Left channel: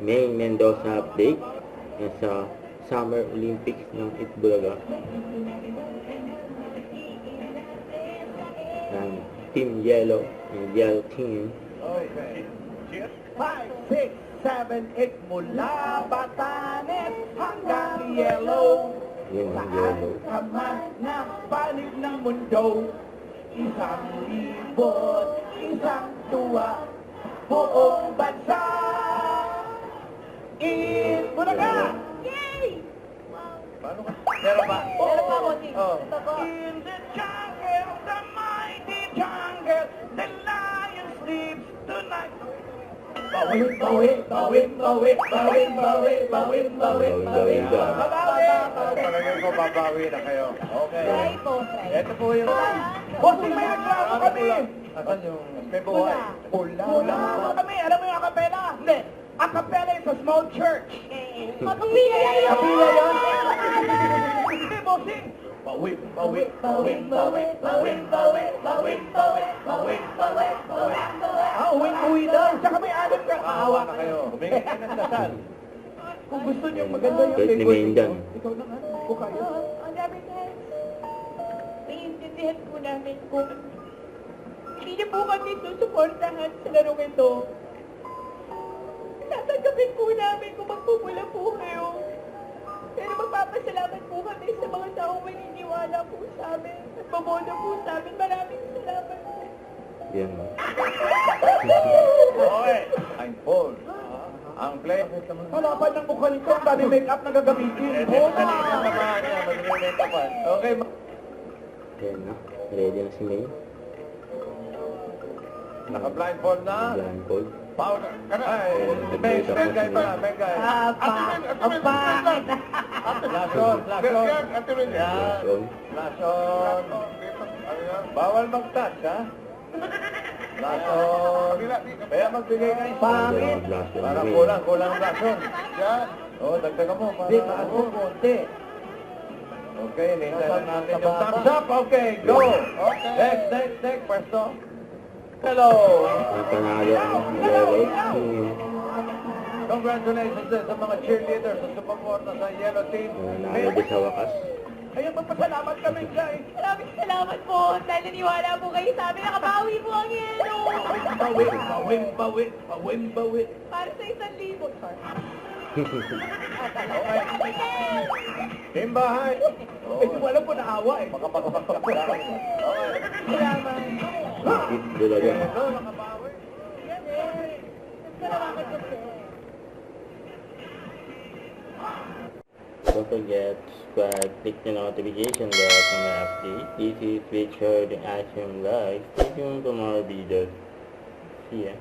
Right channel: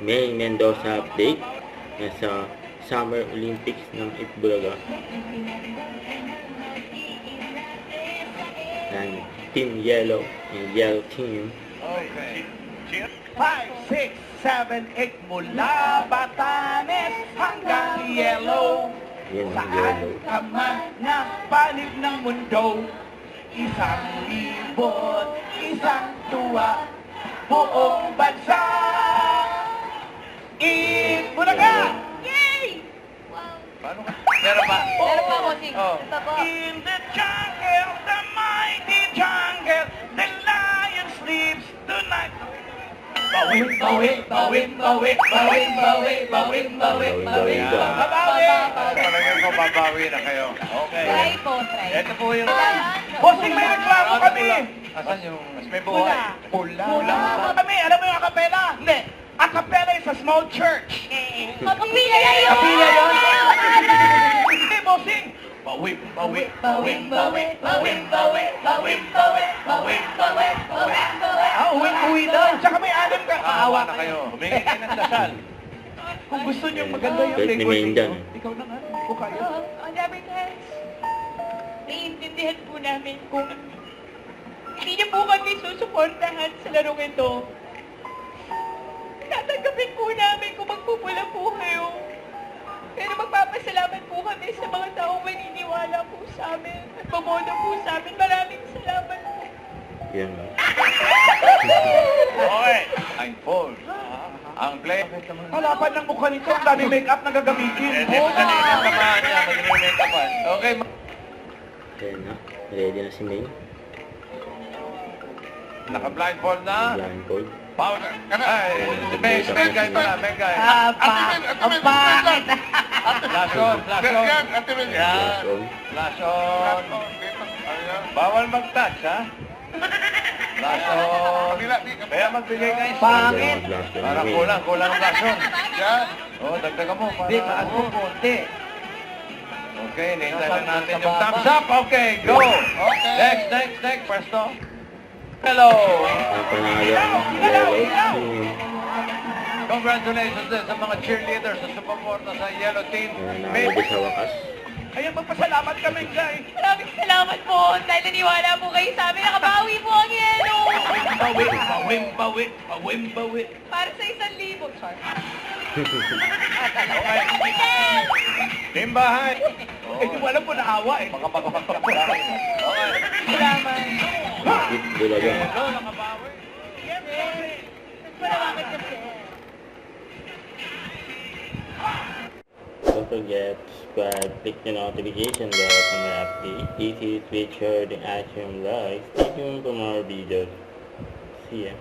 May Mendoza update sa Summer Olympics ng Itbulaga. And Team Yellow and Yellow Team. Okay. 5, 6, 7, 8 mula Batanes hanggang Yellow. Yan ang Saan Yellow. ka man na panig ng mundo, isang libot, isang tuwa, buong bansa. Itbulaga! Yay! Paano ka? Meron ba? Meron pa ako, Sing. Oh. Ito po. In the jungle, the mighty jungle, the lion sleeps tonight. Bawin, bawin, bawin, bawin, bawin, bawin, bawin, bawin, bawin, babawi. Palagay ko babawi na kayo. Okay. Try po, try. Ito po yung... Bossing, may reklamo kami. Asan yung... May buhay? Pula. Pula. Kami, alam mo yung acapella? Hindi. Acapella is a small church. Kapila yun! Kapila yun? Hindi, bossing. Bawin, bawin, bawin, bawin, bawin, bawin, bawin, bawin, bawin, bawin, bawin, bawin. Uwi daw. Tsaka may alam ka. Aawa na kayo. Humingi kayo ng dasal. Kung gusto niyo maganda yung Kahit ni record Maine dyan. ninyo, ikaw na nga. Kung kaya. On advertise, naiintindihan po namin kung hindi niyo po kami susuportahan sa larong ito. Tatanggapin po namin kung magpupula po kayo. Pero magpapasalamat po kami sa mga taong maniniwala po sa amin at bumoto po sa amin. Maraming salamat po. Yan. Okay. I'm Paul. Ang play. Halapan ng mukha nito. Ang dami make-up na gagamitin. Okay. Yan na. Ready na si May. Naka-blindfold na. Blindfold. Powder. Ay, Meg guy pala, Meg guy. Ang pangit. Flash on, flash on. Yan. Flash on. Flash on. Bawal mag-touch, ha? Flash on. Kaya magbigay kayo. Pangit. Para kulang ang flash on. Yan. O, dagdagan mo. Para taas mo konti. Okay, nihintay natin yung thumbs up. Okay, go. Next. Presto. Hello. Ang panalo ng Yellow Team. Congratulations din sa mga cheerleaders sa sumuporta sa Yellow Team. Nanalo sa wakas. Kaya magpasalamat kami, guys. Maraming salamat po dahil naniwala po kayo sa amin. Nakabawi po ang yelo. Bawin. Para sa 1,000. Sorry. Okay. Timbahan. Hindi mo alam po naawa eh. Okay. Salamat. Itbulaga. Hello, nakabawi. Salamat kasi. Don't forget to subscribe, click the notification bell for my update. This is Richard Ashram Live. Stay tuned for more videos. See ya.